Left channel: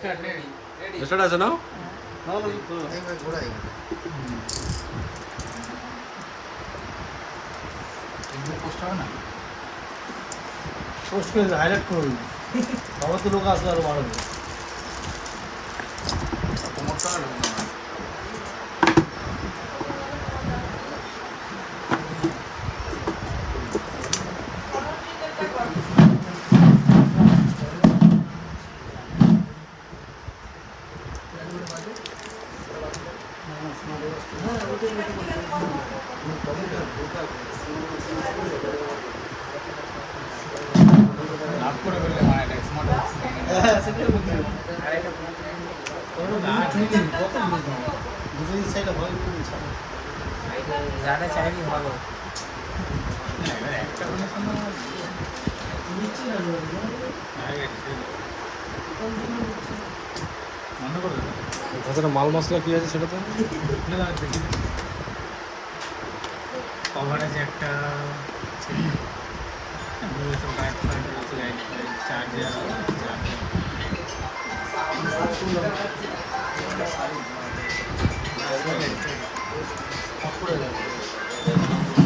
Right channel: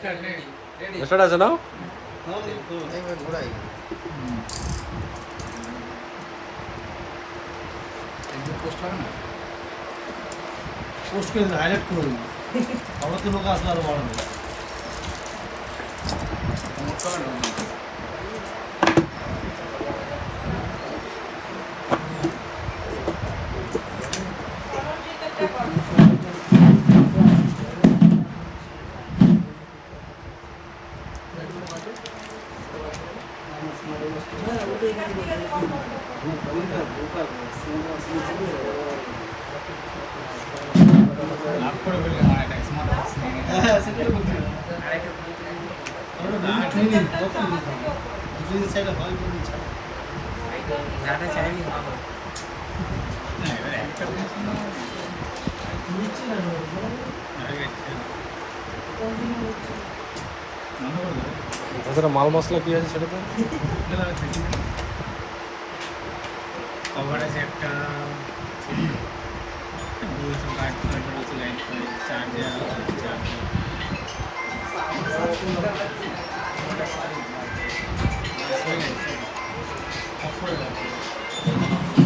Start আছে না? Post করে হাইলাইট করে দিই আমার তো লোক আসলে আরো ভালো ज़्यादा चाहिए भागो ভেতরে মাল মশলা কি আছে সেটা তো কভার আছে একটা চার্জার